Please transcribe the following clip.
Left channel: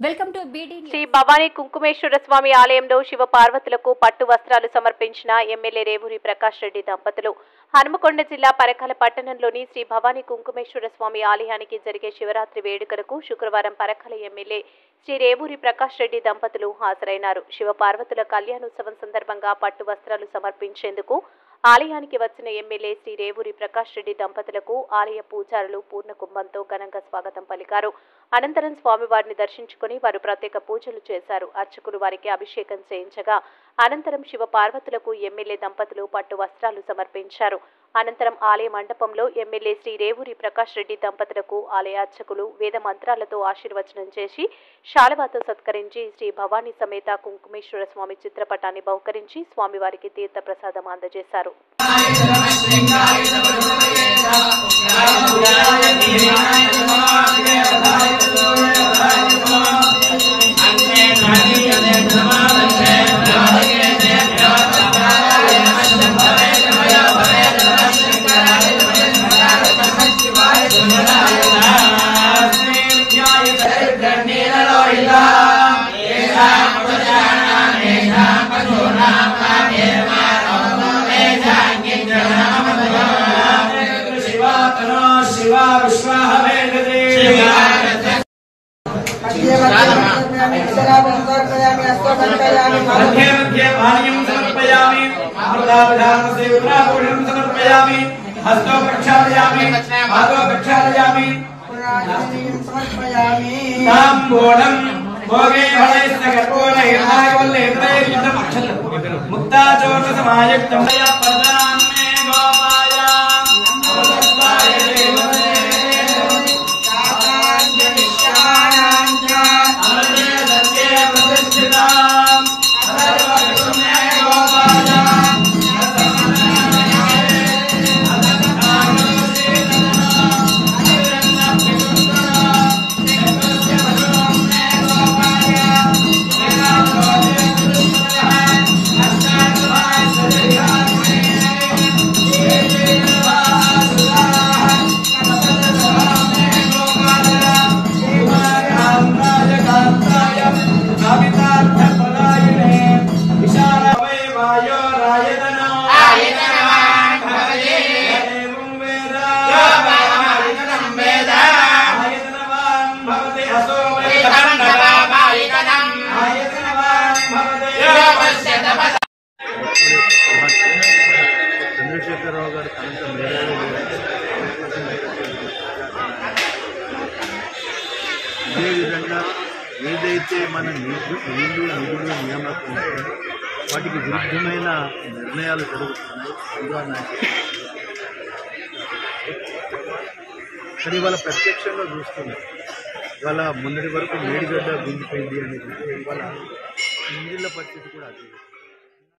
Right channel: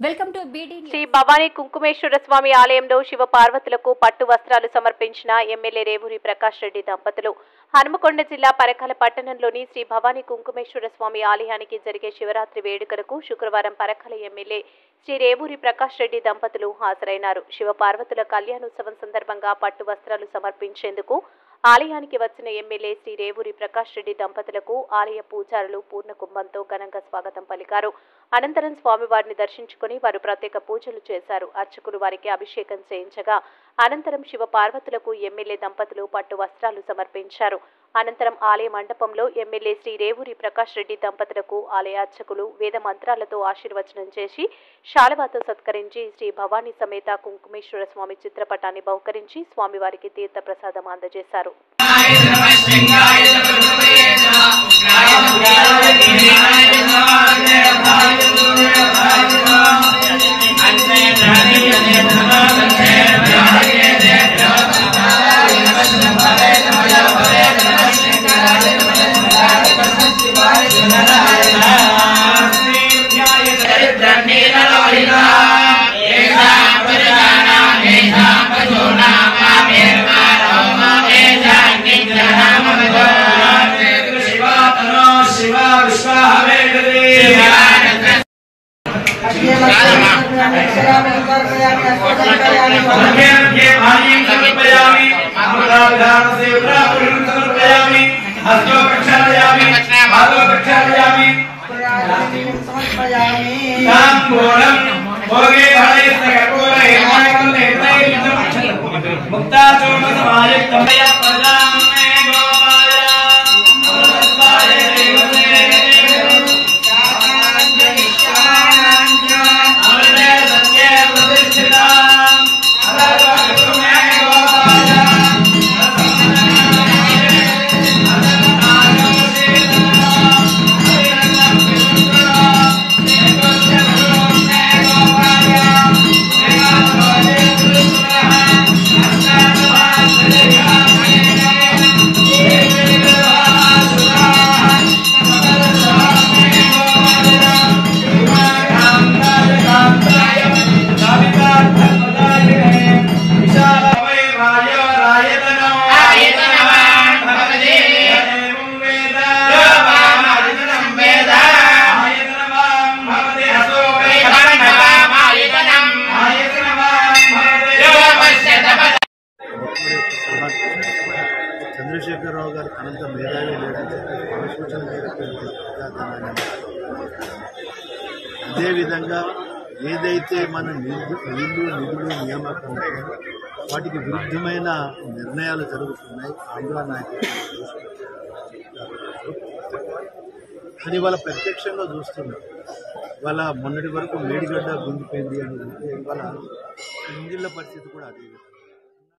Welcome to బీడీ శ్రీ భవానీ కుంకుమేశ్వర స్వామి ఆలయంలో శివ పార్వతులకు పట్టు వస్త్రాలు సమర్పించిన ఎమ్మెల్యే రేవూరి ప్రకాష్ రెడ్డి దంపతులు హనుమకొండ జిల్లా పరకాల పట్టణంలోని శ్రీ భవానీ కుంకుమేశ్వర స్వామి ఆలయానికి జరిగే శివరాత్రి వేడుకలకు శుక్రవారం పరకాల ఎమ్మెల్యే శ్రీ రేవూరి ప్రకాష్ రెడ్డి దంపతులు హాజరైనారు. శివ పార్వతుల కళ్యాణోత్సవం సందర్భంగా పట్టు వస్త్రాలు సమర్పించేందుకు ఆలయానికి వచ్చిన ఎమ్మెల్యే శ్రీ రేవూరి ప్రకాష్ రెడ్డి దంపతులకు ఆలయ పూజారులు పూర్ణ కుంభంతో ఘనంగా స్వాగతం పలికారు. అనంతరం స్వామివారిని దర్శించుకుని వారు ప్రత్యేక పూజలు చేశారు. అర్చకులు వారికి అభిషేకం చేయించగా అనంతరం శివ పార్వతులకు ఎమ్మెల్యే దంపతులు పట్టు వస్త్రాలు సమర్పించారు. అనంతరం ఆలయ మండపంలో ఎమ్మెల్యే శ్రీ రేవూరి ప్రకాష్ రెడ్డి దంపతులకు ఆలయ అర్చకులు వేద మంత్రాలతో ఆశీర్వచనం చేసి శాలువాతో సత్కరించి శ్రీ భవానీ సమేత కుంకుమేశ్వర స్వామి చిత్రపటాన్ని బహుకరించి స్వామివారికి తీర్థ ప్రసాదం అందజేశారు. చంద్రశేఖరరావు గారు అంత మేధావి అదేవిధంగా ఏదైతే మన నిధులు నియామకం వాటికి విరుద్ధమైన నిర్ణయాలు జరుగుతున్నాయి కానీ వాళ్ళ ప్రత్యక్షంలో చూస్తున్నాం. వాళ్ళ మొన్నటి వరకు మేడిగడ్డ గుంజిపోయింది అనేది ఇవాళ ఇంజిన్ల పరిస్థితి కూడా అదే.